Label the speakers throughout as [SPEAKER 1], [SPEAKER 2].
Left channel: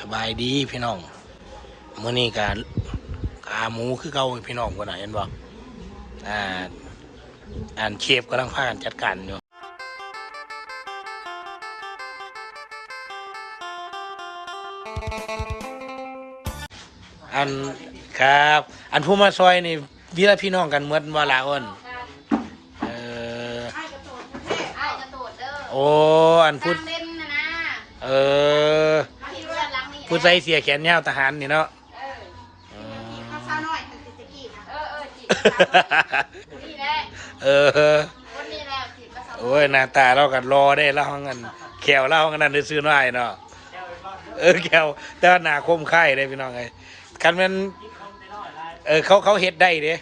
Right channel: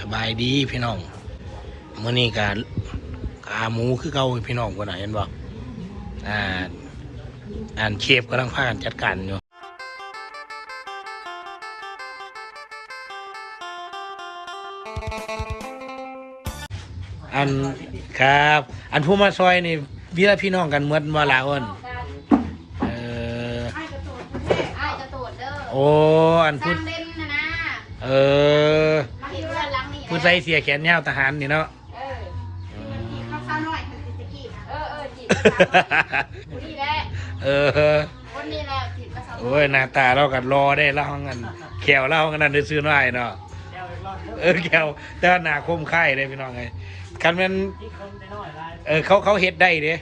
[SPEAKER 1] สบายดีพี่น้องมื้อนี้การขาหมูคือเก่าพี่น้องคนไหนะเห็นบ่อ่าอ่านเชฟกำลังพากันจัดการอยู่อันครับ อันผู้มาซอยนี่วีละพี่น้องกันเหมือนว่าลาอ้นเออ
[SPEAKER 2] ไอ้กระโดดแม่ไอ้กระโดดเด้อ
[SPEAKER 1] โอ้อันพูด
[SPEAKER 2] ตามเล่นนะนะ
[SPEAKER 1] เออ ผู้ใส่เสียแขนยาวทหารนี่เนาะ
[SPEAKER 2] เออ
[SPEAKER 1] อืม
[SPEAKER 2] ข้าวซาหน่อยคือตะกี้เออเออจีบคนนี้แหละ
[SPEAKER 1] เออ
[SPEAKER 2] คนนี้แหละจีบกระสาว
[SPEAKER 1] โอ้ยหน้าตาเรากันรอได้เล่างันแขวเล่างันนั่นได้ซื้อน้อยเนาะเออแขวแต่ว่าหน้าคมไข่เลยพี่น้องไงคันมันเออเขาเขาเฮ็ดได้เด้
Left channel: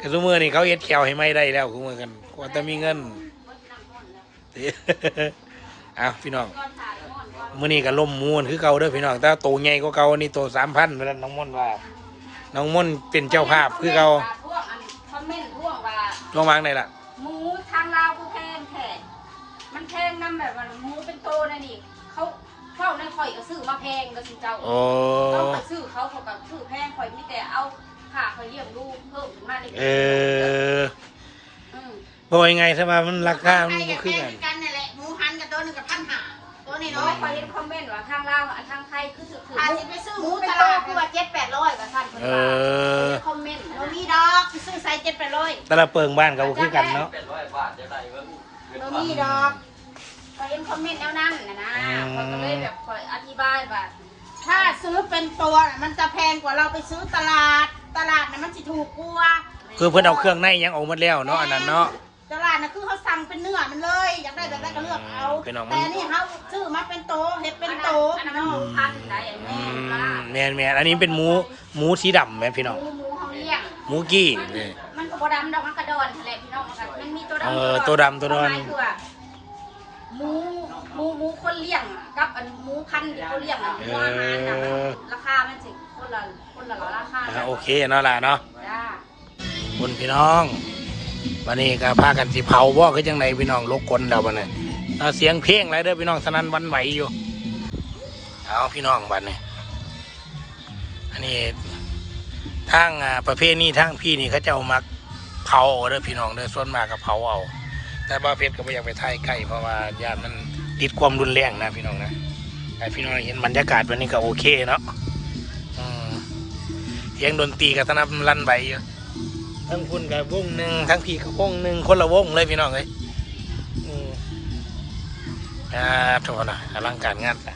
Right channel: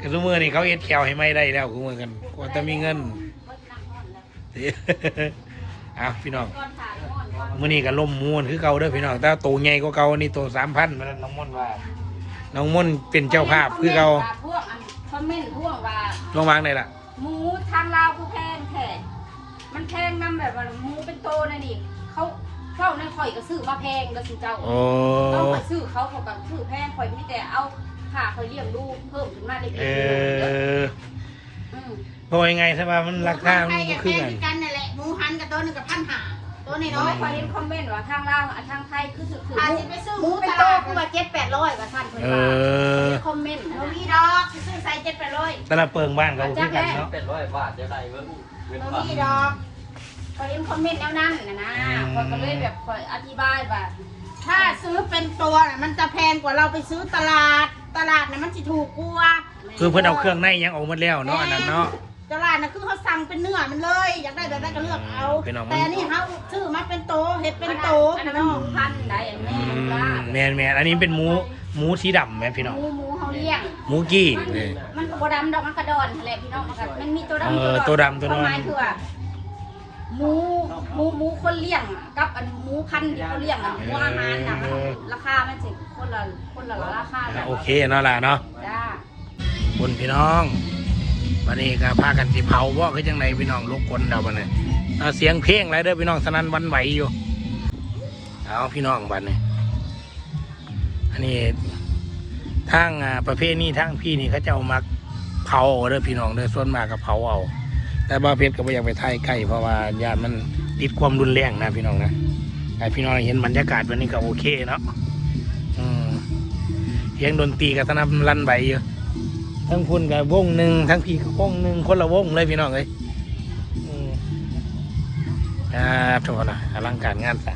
[SPEAKER 1] คือซุมือนี่เขาเฮ็ดแขวให้ไม่ได้แล้วคือมือกันว่าแต่มีเงินเอาพี่น้อง มื้อนี้ก็ล่มม้วนคือเก่าเด้อพี่น้องแต่โตใหญ่กว่าเก่าอันนี้โตสามพันแล้วน้องม่อนว่า น้องม่อนเป็นเจ้าภาพคือเก่า
[SPEAKER 2] พวกอันคอมเมนต์พวกว่า
[SPEAKER 1] ลองวางได้ล่ะ
[SPEAKER 2] หมูทางลาวผู้แพงแท้มันแพงนํแบบว่าหมูเป็นโตนะนี่เขาเจ้าในข่อยก็ซื้อมาแพงก็สิเจ้า
[SPEAKER 1] โอ้
[SPEAKER 2] ต้องไปซื้อเขาเขากับซื้อแพงข่อยมีแต่เอาค่าข่อยเลี้ยงดูเพิ่มขึ้นมาเล็ก
[SPEAKER 1] เอ
[SPEAKER 2] ๆ
[SPEAKER 1] อ
[SPEAKER 2] อืม
[SPEAKER 1] บอกยังไงใช่ไหมมันราคามันบ่คือกัน
[SPEAKER 3] กันนั่นแหละหมูหันกับตัวหนึงกับพันหา ตัวนี้
[SPEAKER 2] น้อ
[SPEAKER 3] น้อยย
[SPEAKER 2] ข่อยเห็นคอมเมนต์ว่าทางลาวอะทางไทยคือถือถือ
[SPEAKER 3] พาสิไปซื้อ
[SPEAKER 2] ห
[SPEAKER 3] ห
[SPEAKER 2] มู
[SPEAKER 3] มู
[SPEAKER 2] เป็น
[SPEAKER 3] ต
[SPEAKER 2] โต
[SPEAKER 3] ลาด
[SPEAKER 2] คือว่าเจ็ดแปดร้อยว่าสั้นคน
[SPEAKER 1] เอ
[SPEAKER 2] ว่า
[SPEAKER 1] อ
[SPEAKER 2] คอมเมนต์
[SPEAKER 3] โร
[SPEAKER 2] นะ
[SPEAKER 3] มีดอกสิซื้อใส่เจ็ดแปดร้อย
[SPEAKER 1] แต่ละเปิงบ้านก็บ่คือกันเนาะ
[SPEAKER 4] เป็นร้อยบาทจะได้เงินเงิน
[SPEAKER 3] โร
[SPEAKER 4] พัน
[SPEAKER 3] มีดอก
[SPEAKER 2] ข่อยเห็นคอมเมนต์แนวนั้นนะนะข่อยก็เลยแบบข่อยอธิบายว่า
[SPEAKER 3] ถ้าซื้อเป็นตัวน่ะมันจะแพงกว่าเราไปซื้อตลาด ตลาดน่ะมันสิถูกกว่า
[SPEAKER 1] คือเพิ่นเอาเครื่องในยังออกหมาแล้วเนาะอันนั้นเนาะ
[SPEAKER 3] ตลาดน่ะคือเขาสั่งเป็นเนื้อมันเลย อยากได้แบบไหนก็เลือกเอา
[SPEAKER 1] พี่น้องมัน
[SPEAKER 3] แต่นี่เขาซื้อมาเป็นโตเห็ดเป็นโต
[SPEAKER 2] อัน
[SPEAKER 3] พี่
[SPEAKER 2] นั้น
[SPEAKER 3] น้
[SPEAKER 2] มันห
[SPEAKER 3] อ
[SPEAKER 2] มู
[SPEAKER 3] ง
[SPEAKER 2] พันธุ์ไหนอะ
[SPEAKER 1] อื
[SPEAKER 2] แม่
[SPEAKER 1] มแม่นแม่นอันนี้เป็นหมูหมูสีดำแม่นพี่
[SPEAKER 2] ห
[SPEAKER 1] น้อง
[SPEAKER 2] มูหมูเขาเลี้ยง
[SPEAKER 1] หมูกี้นี่
[SPEAKER 2] มันก็บ่ดำดอกมันกระดอนทะเลพี่น้องมันก็มันมีตัวดำ
[SPEAKER 1] เออตัวดำตัวดอน
[SPEAKER 2] ความหมายคือว่าหมูหมูหมูคนเลี้ยงอะกับอันหมูพันธุ์ที่เขาเลี้ยงอะหมูอาหารน่ะมันราคามันสิคนละคนละราคา
[SPEAKER 1] อะ
[SPEAKER 2] จ้ะ
[SPEAKER 1] โอเคเนาะล่ะเนาะ
[SPEAKER 2] จ้า
[SPEAKER 1] คนพี่น้อง วันนี้ก็พากันสิเผาบ่คือจังไดพี่น้องลกคนเดาบัดนี้เอาเสียงเพลงอะไรเด้อพี่น้องสนั่นวันไหวอยู่เอาพี่น้องบัดนี้อันนี้ทางประเภทนี้ทางพี่นี่เขาเจ้ามักเผาเด้อพี่น้องเด้อส่วนมากก็เผาเอาแต่บาเพชรก็ไม่อยากไปถ่ายใกล้เพราะว่าญาติมันติดความรุนแรงนะพี่น้องนะแต่พี่น้องเห็นบรรยากาศวันนี้ก็โอเคเนาะเสียงดนตรีกับสนับลั่นใบอยู่ ทั้งพุ่นกับวงหนึ่งทั้งพี่กับวงหนึ่งคนละวงเลยพี่น้องเลยอืมอ่าโทษนะอลังการงานซะ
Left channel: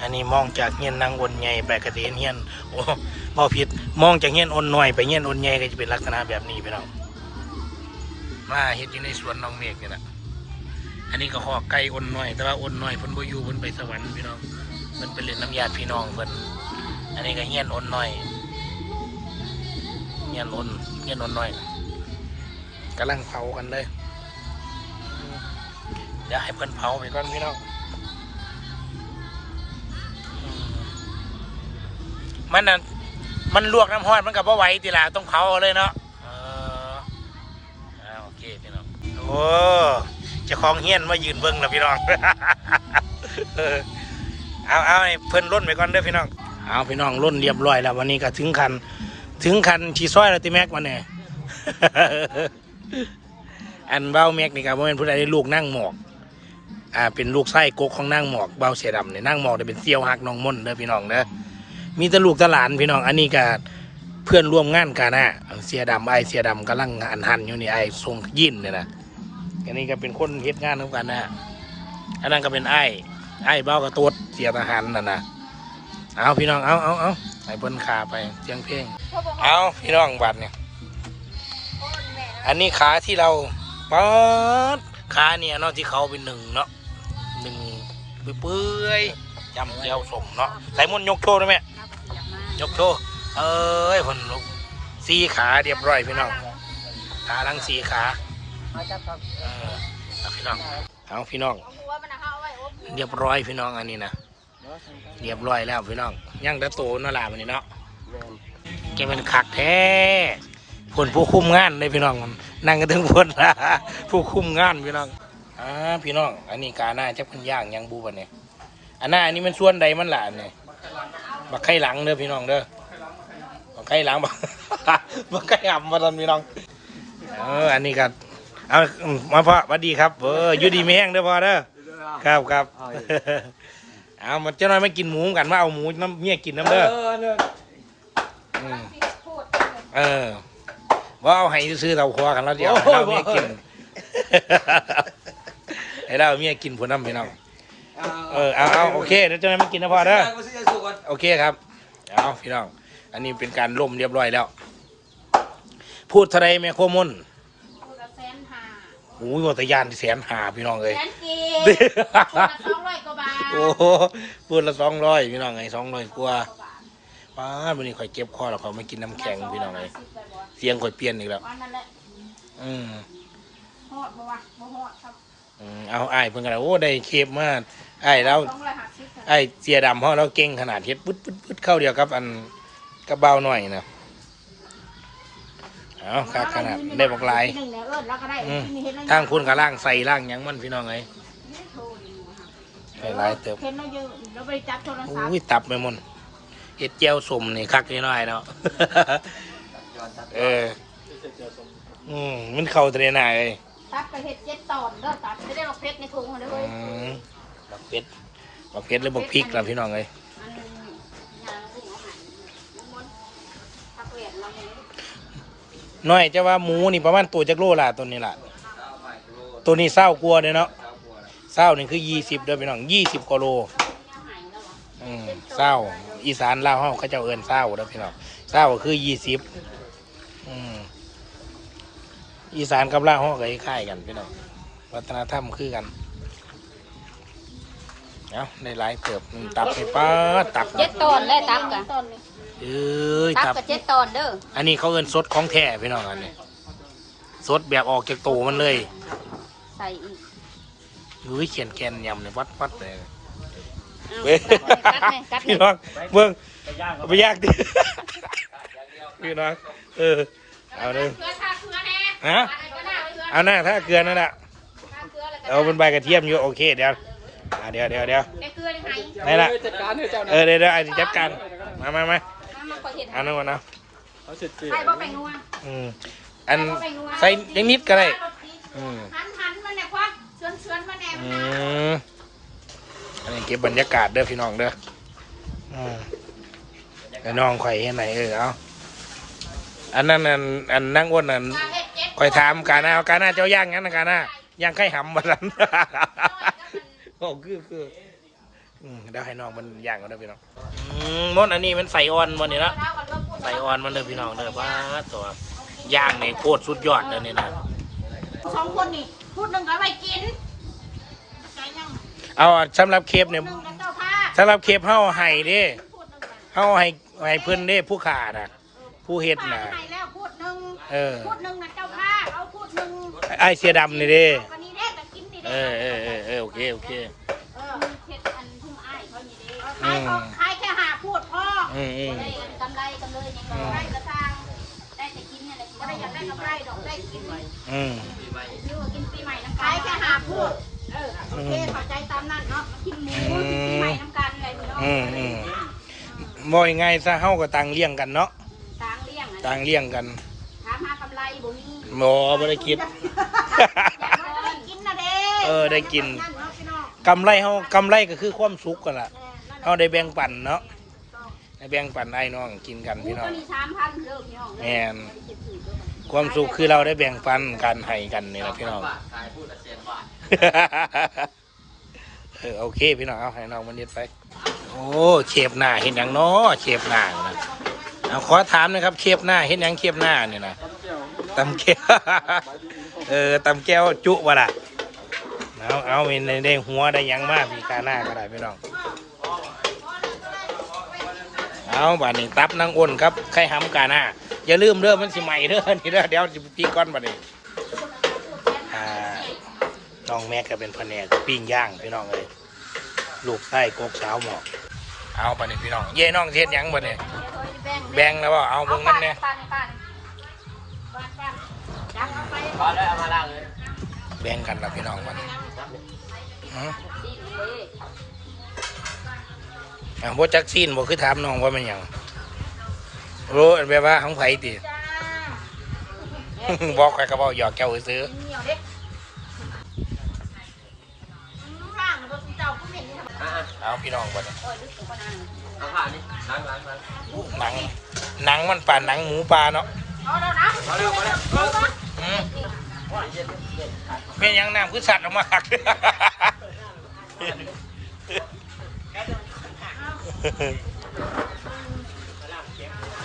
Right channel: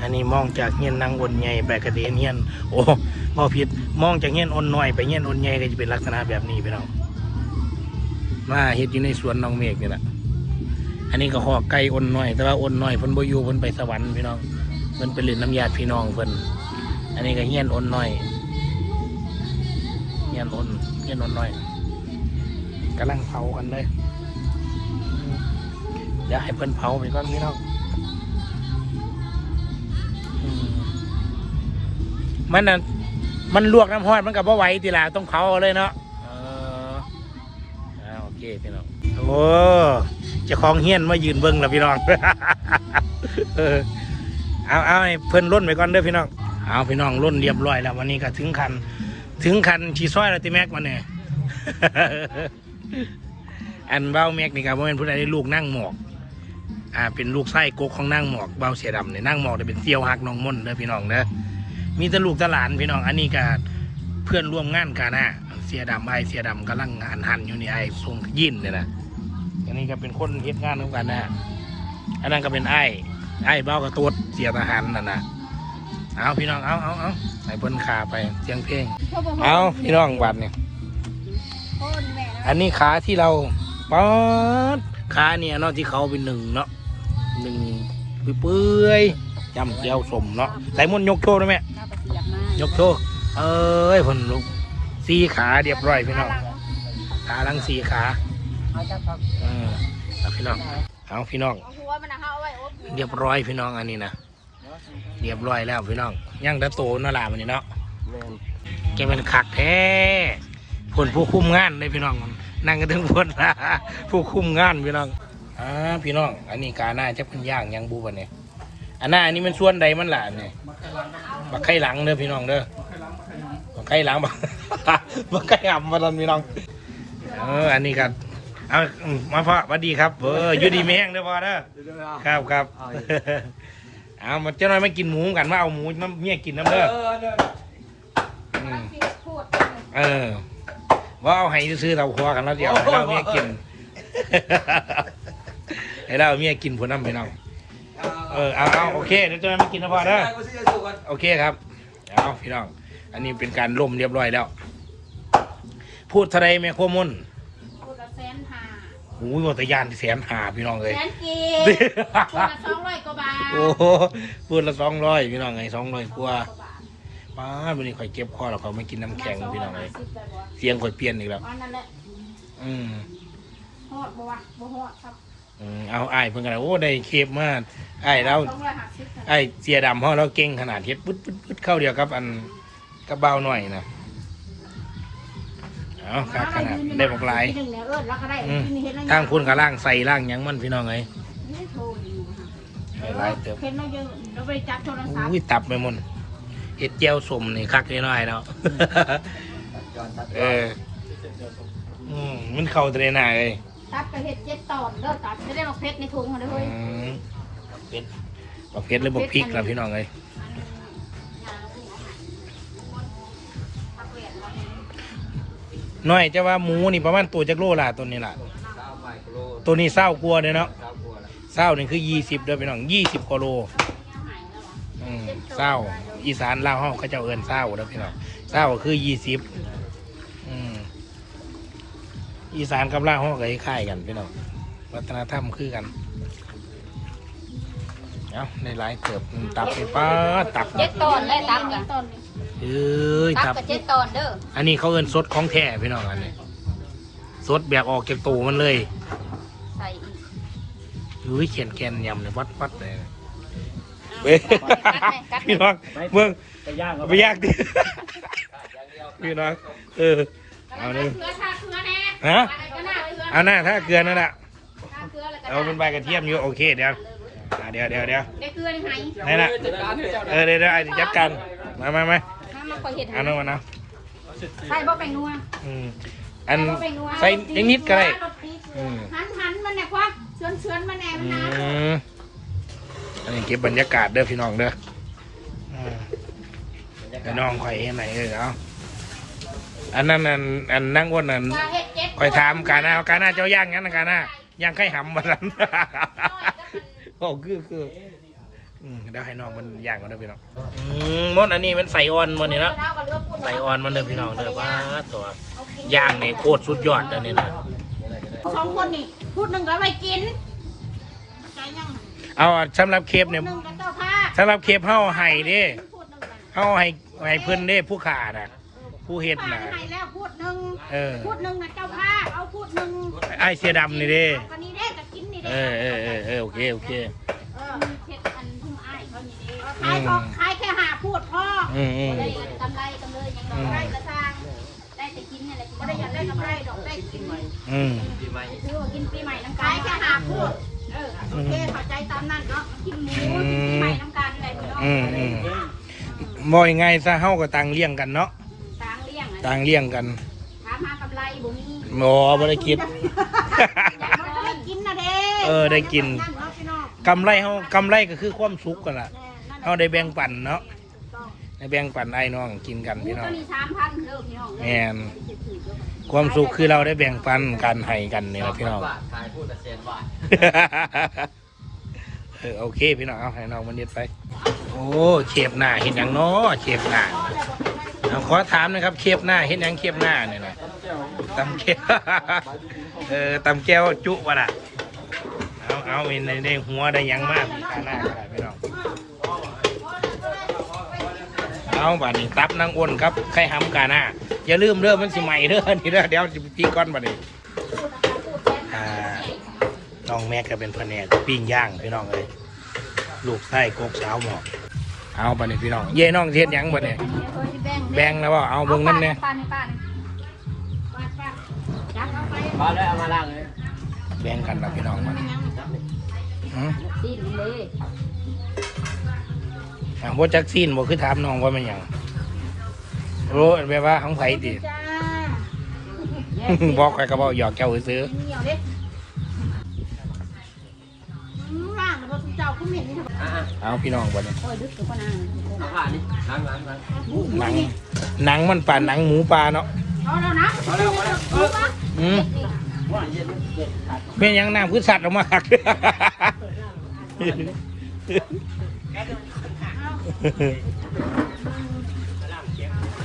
[SPEAKER 1] อันนี้มองจากเงี้ยนนางอนใหญ่ไปกระเด็นเงี้ยนโอ้บอผิดมองจากเงี้ยนอนน้อยไปเงี้ยนอนใหญ่ก็จะเป็นลักษณะแบบนี้พี่น้องมาเฮ็ดอยู่ในสวนน้องเมฆนี่แหละอันนี้ก็หอกไก่อนน้อย แต่ว่าอนน้อยเพิ่นบ่อยู่เพิ่นไปสวรรค์พี่น้องเพิ่นไปเล่นน้ำยาพี่น้องเพิ่นอันนี้ก็เฮียนอ่อนน้อย เฮียนอ่อนเฮียนอ่อนน้อยกำลังเผากันเลย เดี๋ยวให้เพิ่นเผาไปก่อนพี่น้องอืมมันน่ะมันลวกน้ำห้อนมันกับบ่ไหวติล่ะต้องเผาเอาเลยเนาะเอออ่าโอเคพี่น้องโอ้เจ้าของเฮียนมายืนเบิ้งแล้วพี่น้องเออเอาเอาให้เพิ่นล้นไปก่อนเด้อพี่น้องเอาพี่น้องล้นเรียบร้อยแล้ววันนี้ก็ถึงคัน ถึงคันชีซ้อยแล้วติแม็กมาเนี่ย อันเบ้าแม็กนี่ครับว่าเป็นผู้ใดได้ลูกนั่งหมอก อ่า เป็นลูกไส้กกของนั่งหมอกเบ้าเสียดำเนี่ยนั่งหมอกเนี่ยเป็นเซียวหักน้องม่นเด้อพี่น้องเด้อมีแตลูกตหลานพี่น้อง อันนี้ก็เพื่อนร่วมงานกันนะเสียดำไอเสียดำกำลังหันหันอยู่นี่ไอทรงยินเนี่ยนะอันนี้ก็เป็นคนเฮ็ดงานร่วมกันนะอันนั้นก็เป็นไอไอเบ้ากระตัวเสียทหารนั่นนะ เอาพี่น้องเอาเอาเอาให้เพิ่นขาไปเสียงเพลง เอาพี่น้องบัดเนี่ยอันนี้ขาที่เราป๊อดขาเนี่ยเนาะที่เขาเป็นหนึ่งเนาะหนึ่งเปื่อยจำเจียวสมเนาะใส่มนยกโชว์ได้ไหมยกโชว์เอ้ยผลลุกสี่ขาเรียบร้อยพี่น้องขาลังสี่ขาเออเอาพี่น้องเอาพี่น้องเรียบร้อยพี่น้องอันนี้นะ เรียบร้อยแล้วพี่น้องย่างตะโตนั่นแหละมันนี่เนาะแกเป็นขักแท้ผลผู้คุมงานเลยพี่น้องนั่งกันถึงพนผู้คุมงานพี่น้องอ่าพี่น้อง อันนี้กาหน้าจะเป็นย่างยังบูบันเนี่ยอันหน้าอันนี้มันส่วนใดมันหลานเนี่ยบักไข่หลังเด้อพี่น้องเด้อบักไข่หลังบักบักไข่อ่ำมาตอนพี่น้องเอออันนี้ครับเอามาพ่อสวัสดีครับเอออยู่ดีไม่แห้งเด้อพ่อเด้อครับครับ เอามาเจ้าน้อยไม่กินหมูกันว่าเอาหมูน้ำเมียกินน้ำเด้ออืมเออว่าเอาให้ซื้อๆเตาครัวกันแล้วเดี๋ยวให้เราเมียกิน ให้เราเมียกินผลน้ำพี่น้องเออเอาเอาโอเคเดี๋ยวเจะไม่กินนะพ่อเด้อโอเคครับเอาพี่น้องอันนี้เป็นการล่มเรียบร้อยแล้ว พูดทะเลแม่โคมน
[SPEAKER 3] พูดละแสนห้า
[SPEAKER 1] โอ้ยวัตยานแสนหาพี่น้องเลย
[SPEAKER 3] แสนกีพูดละสองร้อยกว่าบาท
[SPEAKER 1] โอ้โหพูดละสองร้อยพี่น้องไงสองร้อยกว่าป้าดวันนี้ข่อยเก็บคอแล้วเขาไม่กินน้ำแข็งพี่น้องเลยเสียงข่อยเปลี่ยนอีกแล้ว
[SPEAKER 3] วันนั้นแหละ
[SPEAKER 1] อืม
[SPEAKER 3] ฮอดเพราะว่าบ่ฮอดครับ
[SPEAKER 1] อืมเอาไอ้ายเพิ่งกันโอ้ได้เคฟมากไอ้ายเรา
[SPEAKER 3] สองร้อยห้าสิบครับ
[SPEAKER 1] ไอ้เสียดำเพราะเราเก่งขนาดเฮ็ดปึ๊ดปึ๊ดปึ๊ดเข้าเดียวกับ อันกระเบาหน่อยนะ เอาครับขนาดได้บอกหลาย
[SPEAKER 3] หนึ่งแล้วเอิ้นแล้วก็ได้
[SPEAKER 1] อืม
[SPEAKER 3] มีเห็นแล้ว
[SPEAKER 1] ทางคุณกับล่างใส่ล่างหยังมันพี่น้องไงได้หลายเติบ
[SPEAKER 3] เห็นแล้วยืนแล้วไปจับโทรศัพท์
[SPEAKER 1] อุ้ยตับไปหมดเห็ดเจียวสมนี่คักนิดหน่อยเนาะเอออืมมันเข้าตะเรน่าเลย
[SPEAKER 3] ตับไปเห็ดเจ็ดตอนเด้อตับไม่ได้มาเพชรในถุงเลย
[SPEAKER 1] อื
[SPEAKER 3] เฮ้ย
[SPEAKER 1] มบักเผ็ดบักเผ็ดหรือบักพริกล่ะพี่น้องเลย น้อยจะว่าหมูนี่ประมาณตัวจักโลล่ะตัวนี้ล่ะ ตัวนี้เศร้ากลัวเลยเนาะ
[SPEAKER 4] เศ
[SPEAKER 1] ร้านี่คือยี่สิบเด้อพี่น้องยี่สิบกโลอืมเศร้าอีสานลาวเฮาเขาเจ้าเอินเศร้าเด้อพี่น้องเศร้าก็คือยี่สิบอืมอีสานกับลาวเฮาก็คล้ายกันพี่น้องวัฒนธรรมคือกันเอาในหลายเติบตับไปป้าตับ
[SPEAKER 2] เจ็ดตอนได้ตักกัน
[SPEAKER 3] ต้น
[SPEAKER 1] เอ้ย
[SPEAKER 2] ตั
[SPEAKER 1] ตั
[SPEAKER 2] บบกับเจ็ดตอนเด้อ
[SPEAKER 1] อันนี้เขาเอิ้นสดของแท้พี่น้องอันนี้สดแบบออกจากตูมันเลย
[SPEAKER 2] ใส่อีก
[SPEAKER 1] อุ้ยเขียนแกนยำเนี่ยวัดวัดเลยเว้ย
[SPEAKER 2] กัดไหมกัดไหม
[SPEAKER 1] พี่น้องเบิ่งเอาไปยากดิพี่น้องเออเอาเลย
[SPEAKER 2] เกลือทาเกลือแน่
[SPEAKER 1] ฮะ
[SPEAKER 2] อะไรก็น่าเกลือ
[SPEAKER 1] เอาหน้าถ้าเกลือนั่นแหละ
[SPEAKER 2] ทาเกลือแล้วก็
[SPEAKER 1] เอาเป็นใบกระเทียมอยู่โอเคเดี๋ยวอะเดี๋ยวเดี๋ยวเดี๋ยว
[SPEAKER 2] ได้เกลือยังไง
[SPEAKER 1] นี่ละเออเดี๋ยวเดี๋ยวไอ้ที่จัดการมามามา
[SPEAKER 2] ถ้ามาคอย เห็น
[SPEAKER 1] เอาหน่อยนะ
[SPEAKER 2] ใส่บ่แป้งนัว
[SPEAKER 1] อืมอันใส่เล็กนิดก็ได้อืม
[SPEAKER 3] หันหันมันเนี่ยควักเชือนเชือนมันแน่มัน
[SPEAKER 1] อื
[SPEAKER 3] นะ
[SPEAKER 1] มอันนี้เก็บบรรยากาศเด้อพี่น้องเด้ออืมไอ้น้องข่อยเห็นไหนเออเอาอันนั้นอันอันนั่งอ้วนอัน
[SPEAKER 3] เห็ดเจ็ด
[SPEAKER 1] ข่อยถามกาหน้ากาหน้าเจ้าย่างงั้นนะกาหน้าย่างไข่หำมาสันโอ้คือคือ อืมเดี๋ยวให้น้องมันย่างกันเด้อพี่น้องอืมมดอันนี้มันใส่อ่อนมันนี่ละใส่อ่อนมันเด้อพี่น้องเด้อป้าดตัวย่างนี่โคตรสุดยอดอันนี้นะ
[SPEAKER 3] สองคนนี่พูดหนึ่งก็ไปกินใจยัง
[SPEAKER 1] เอาสำหรับเคป
[SPEAKER 3] พูด
[SPEAKER 1] เนี่ย
[SPEAKER 3] หนึ่งก็เจ้าผ้า
[SPEAKER 1] สำหรับเคปเฮาให้เด้
[SPEAKER 3] พูดหนึ่งกัน
[SPEAKER 1] เฮาให้ให้เพิ่นเด้ผู้ขาน่ะ ผู้เฮ็ด
[SPEAKER 3] ผ้า
[SPEAKER 1] น่ะ
[SPEAKER 3] ให้แล้วพูดหนึ่ง
[SPEAKER 1] เออ
[SPEAKER 3] พูดหนึ่งนะเจ้าผ้าเอาพูดหนึ่ง
[SPEAKER 1] ไอ้เสียดำนี่เด้
[SPEAKER 3] เอากันนี้ได้จะกินนี่
[SPEAKER 1] เอ
[SPEAKER 3] ได้
[SPEAKER 1] อเออเออเออโอเคโอเค
[SPEAKER 3] เออมีเพชรอันทุ่งอ้ายเขา นี่เด้ขายก็ขายแค่หาพูดพ่อ
[SPEAKER 1] อืมอืม
[SPEAKER 2] ได้กำไรกันเลยยังไง
[SPEAKER 3] ได้กระซัง
[SPEAKER 2] ได้แต่กินนี่แหละ
[SPEAKER 3] ไม่ได้อยากได้กำไรดอกได้กิน
[SPEAKER 1] อืม
[SPEAKER 2] ซื้อมากินปีใหม่น้ำกั
[SPEAKER 3] ขานยแค่หาพูดเออโอเคเข้าใจตามนั้นเนาะกินหมูกินปีใหม่น้ำกันอะไรเนาะ
[SPEAKER 1] อืมอืมบ่ยังไงซะเฮาก็ต่างเลี้ยงกันเนาะ
[SPEAKER 2] ต่างเลี้ยง
[SPEAKER 1] ต่างเลี้ยงกัน
[SPEAKER 2] ถามหากำไรบ่มี
[SPEAKER 1] หมอบ่ได้คิด
[SPEAKER 3] มันจะได้กินนะเด้
[SPEAKER 1] เออได้กิน
[SPEAKER 3] นั่นเนาะพี่น้อง
[SPEAKER 1] กำไรเฮากำไรก็คือความสุขกันล่ะ เฮาได้แบ่งปันเนาะได้แบ่งปันไอ้น้องกินกัน
[SPEAKER 2] หมู
[SPEAKER 1] พี่น้
[SPEAKER 2] ตั
[SPEAKER 1] อ
[SPEAKER 2] ว
[SPEAKER 1] ง
[SPEAKER 2] นี้สามพันเลิกพี่น้อง
[SPEAKER 1] แม่นความสุขคือเราได้แบ่งปันกันให้กันนี่แหละพี่น้อง
[SPEAKER 4] บาทขายพูดแต่เซนบาท
[SPEAKER 1] เออโอเคพี่น้องเอาให้น้องมันเด็ดไป โอ้เชฟหน้าเห็นอย่างน้อเชฟหน้าเอาขอถามหนะครับเชฟหน้าเห็นอย่างเชฟหน้าเนี่ยนะตำแก้วเออตำแก้วจุวะล่ะเอาเอาเป็นได้ได้หัวได้หยังมากมีกาหน้าก็ได้พี่น้อง เอาบัดนี้ตับนางอ้นครับไข่หำกาหน้าอย่าลืมเด้อมันสิใหม่เด้อนี่เด้อเดี๋ยวจะปีก้อนบัดนี้อ่าน้องแม็กก็เป็นแผนกปิ้งย่างพี่น้องเลยลูกไส้กกสาวหมอกเอาไปนี่พี่น้อง เย่น้องเทียนยังบ่เนี่ยแบ่งแล้วว่าเอาเบิ่งน้ำเนี่ย
[SPEAKER 2] ป้านี่ป้านี่
[SPEAKER 4] บ้านแล้วเอามาล่างเลย
[SPEAKER 1] แบ่งกันละพี่น้องมันอืม
[SPEAKER 2] ตีนเลย
[SPEAKER 1] อ่า บ่จักซีนบ่คือถามน้องว่ามันหยังรู้อันแบบว่าของไผติบอกใครก็บอกหยอกเจ้าซื้อ
[SPEAKER 3] เหนียวเด็กอืมร่างแล้วก็เจ้าผู้เหม็นนี่นะ
[SPEAKER 1] เอาพี่น้องบ่เนี่ย
[SPEAKER 2] โอ้ยดึกตัวคนนั้น
[SPEAKER 4] เอาว่านี่ล้
[SPEAKER 1] หนังหนังมันป่านหนังหมูปลาเนาะ
[SPEAKER 3] เอาแล้วนะเอาแล้วเอาแล้ว
[SPEAKER 1] อืม
[SPEAKER 4] เย็นเย็นขาด
[SPEAKER 1] เป็นหยังน้ำคือสัตว์ออกมาหัก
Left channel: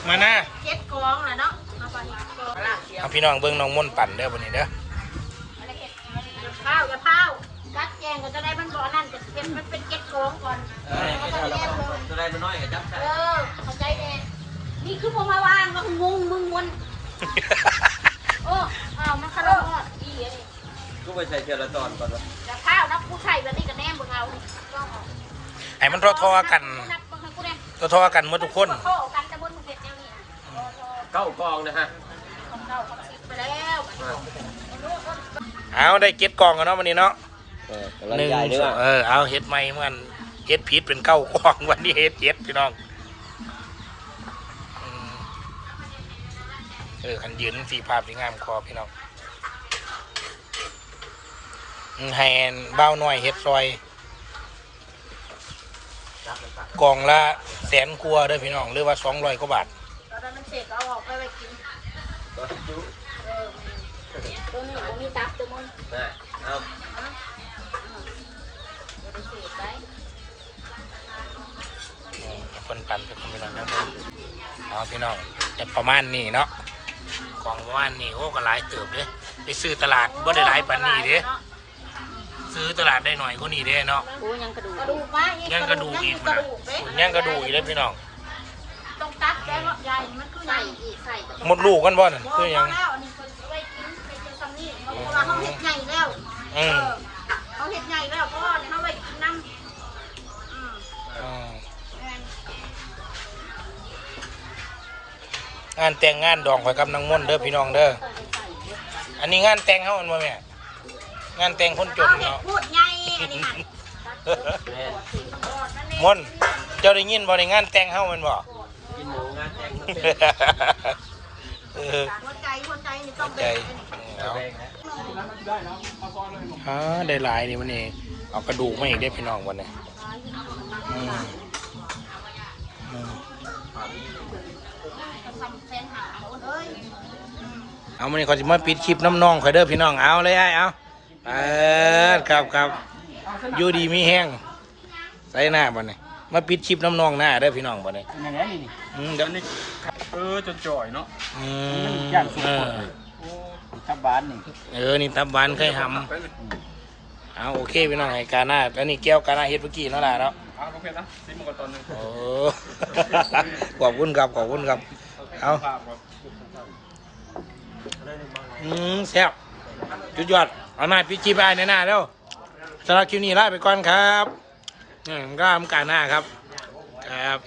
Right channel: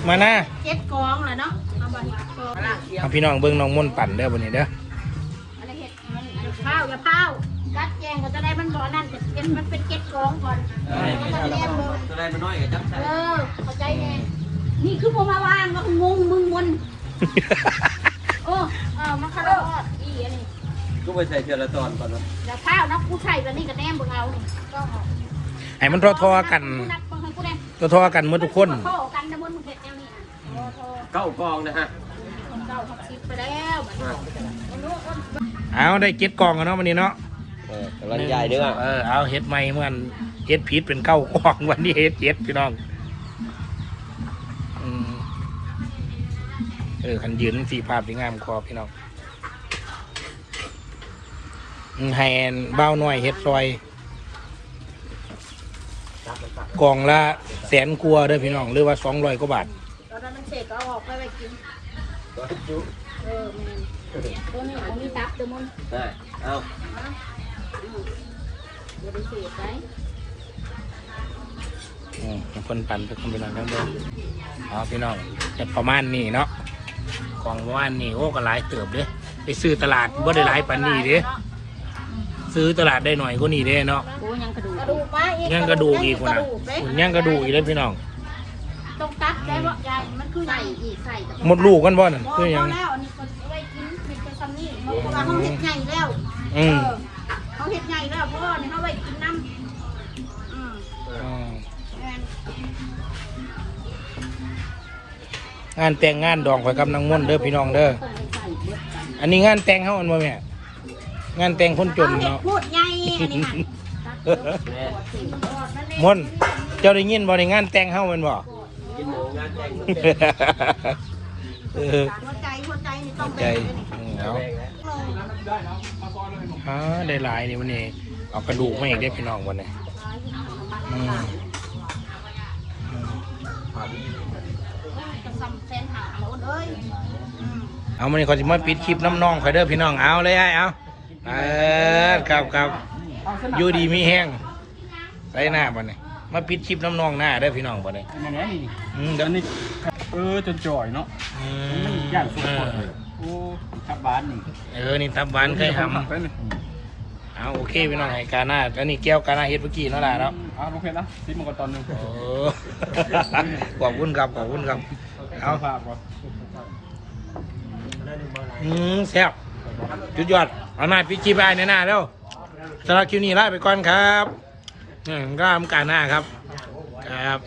[SPEAKER 1] มานะ
[SPEAKER 3] เจ็ดกองแหละเนาะเอาไปเห็ดกองอะ
[SPEAKER 1] เอาพี่น้องเบิ้งน้องม่นปั่นเด้อวันนี้เด้อ
[SPEAKER 3] อะไรเห็ดอะไรอย่าเผาอย่าเผาจัดแกงก็จะได้มันบอกนั่นแต่เป็นมันเป็นเจ็ดกองก่อนแล้วก็แนมมือ
[SPEAKER 4] ตัวแรกน้อยกับจับ
[SPEAKER 3] เออเข้าใจไหม
[SPEAKER 2] นี่คือพวกมาวางก็งงมึงมน
[SPEAKER 3] โอ้เอามาเข้าแล้วอีอันนี้
[SPEAKER 4] กูไปใส่เชือกละตอนก่อน
[SPEAKER 3] อย่าเผานะกูใส่แบบนี้กับแนมบนเอา
[SPEAKER 1] ให้มันทอๆกัน
[SPEAKER 3] กูแนม
[SPEAKER 1] ทอๆกันหมดทุกคน
[SPEAKER 3] เข้ากันนะบนเด็ดแนวนี้โทร
[SPEAKER 4] เข้ากองนะฮะ
[SPEAKER 3] ของเก่าของคิดไปแล้ว
[SPEAKER 1] เอาได้เก็ดกล่องกันเนาะวันนี้เนาะห
[SPEAKER 4] หนึ่
[SPEAKER 1] นึ่
[SPEAKER 4] ง
[SPEAKER 1] งเออเอาเฮ็ดใหม่เหมือนเฮ็ดผิดเป็นเก้ากล่องวันนี้เฮ็ดเจ็ดพี่น้องอืมเออคันยืนสีภาพสีงามคอพี่น้องอืมให้อันเบ้าหน่อยเฮ็ดซอย กล่องละแสนกลัวาเด้อพี่น้องหรือว่าสองร้อยกว่าบาท
[SPEAKER 3] ตอนนั้นมันเสร็จก็เอาออกไปไว้กินเออแม่ตัวนี้ผมมีตับตัวมัน
[SPEAKER 4] ได้เอา
[SPEAKER 3] บริเศษไป
[SPEAKER 1] อืมให้เพิ่นปั่นไปคนพี่น้องจังเบิ่งเอาพี่น้องจะประมาณนี้เนาะกล่องประมาณนี้โอ้ก็หลายเติบเด้ไปซื้อตลาดบ่ได้หลายปานนี้เด้ซื้อตลาดได้หน่อยกว่านี้เด้เนาะ
[SPEAKER 2] โอ้ยยังกระดูก
[SPEAKER 3] กระ
[SPEAKER 2] อี
[SPEAKER 3] ดู
[SPEAKER 2] ก
[SPEAKER 3] กปลาเอง
[SPEAKER 1] ยังกระดูกอีกคนนะหุ่นยังกระดูกอีกเลยพี่น้อง
[SPEAKER 3] ตรงตับไว้ว่ายายมันคือใส่อีกใส่
[SPEAKER 1] หมดลูกกันบ่นั่นคือหยัง
[SPEAKER 3] แล้วอันนี้คือไม่กินไม่กินซัมนี่เขาเห็ดใหญ่แล้ว
[SPEAKER 1] อืม
[SPEAKER 3] เขาเห็ดใหญ่แล้วเพราะว่านี่เขาไว้กินน้ำอืม
[SPEAKER 1] อ่างานแต่งงานดองข่อยกับนางม่วนเด้อพี่น้องเด้อ อันนี้งานแต่งเฮาอันบ่แม่งานแต่งคนจนเนาะ
[SPEAKER 3] พูดใหญ่อันนี้ค่ะ
[SPEAKER 1] มนต์เจ้าได้ยินบ่ในงานแต่งเฮาแม่นบ่ เออ
[SPEAKER 3] หัวใจหัวใจนี่
[SPEAKER 1] เข้าใจอืมแล้วฮะได้หลายนี่วันนี้เอากระดูกมาอีกได้อพี่น้องวันนี้อืมอืม
[SPEAKER 3] ก็ซ้ำแฟนหาแล้วเอ้ย
[SPEAKER 1] เอามานี่เขาจะมาปิดคลิปน้ำน้องเขาเด้อพี่น้องเอาเลยไอ้เอาเออครับครับอยู่ดีมีแห้ง ใส่หน้าบ่เนี่ยมาปิดคลิปน้ำน้องหน้าเด้อพี่น้องบ่เนี่ย
[SPEAKER 5] อันนี้นี่
[SPEAKER 1] อืมเดี๋ยว
[SPEAKER 5] อันนี้เออจนจ่อยเนาะ
[SPEAKER 1] อืม
[SPEAKER 5] ย่างสุด
[SPEAKER 1] เอ
[SPEAKER 5] ค
[SPEAKER 1] อน
[SPEAKER 5] โอ้ทับบานนี่
[SPEAKER 1] เออนี่ตับบานเคยทำเอาโอเคพี่น้องให้กาหน้าอันนี้แก้วกาหน้าเฮ็ดเมื่อกี้เนาะล่ะเนาะ
[SPEAKER 5] เอาโอเคนะซิมงกรตอนหนึง
[SPEAKER 1] โอ้ ขอบคุณครับขอบคุณครับ เอา
[SPEAKER 5] ภาพก่อน
[SPEAKER 1] อืมแซ่บจุดยอด เอาหน้าพี่จีบายในหน้าแล้วสำหรับคลิปนี้ลาไปก่อนครับ ก็ทำการหน้าครับ ครับ